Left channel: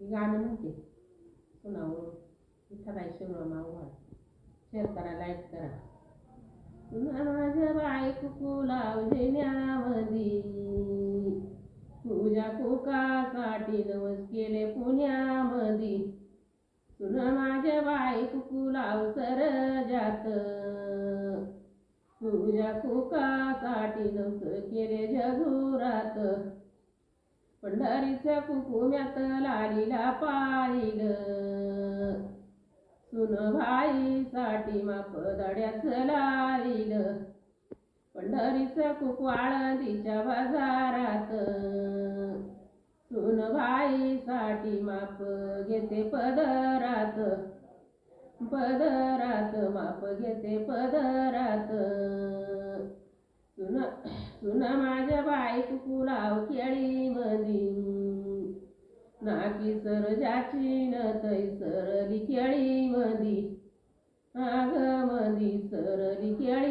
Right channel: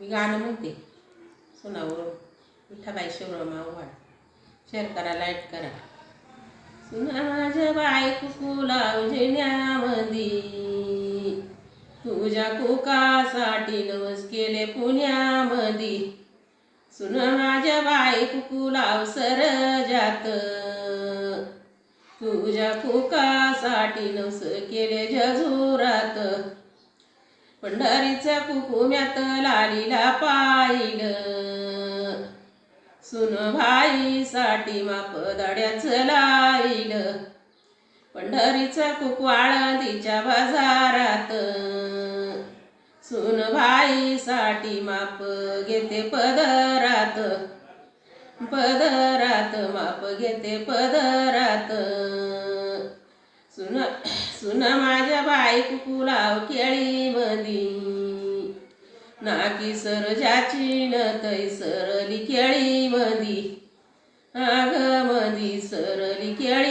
मी गाणं म्हणते. सुनावर विठाबाई शिवराम आव्हाड शेअर करा लाइट करा. सुना माझ्या बायको लावण्यामंदी तुझ्या कोकासाठी नवस केले पुण्यामधी. सुन माझ्या बाय लाव सर जात तुझ्या कोकासाठी नवस केले जजुरात. पंढरीच्या कुकुम्यात लालीला पाहिलं सुन भाईसाठी माप दड्याचं लाईलं पंढरीचा कुकवाळ तिच्या बाजारात. सुन भाईसाठी माप घेते पदरात. पदरात माप घेते पदरात. सुन माझ्या बाईक पुलाव केळी मधी. नाकी सरजाची तै सरली केळी मधी. आग मधी सरली केळी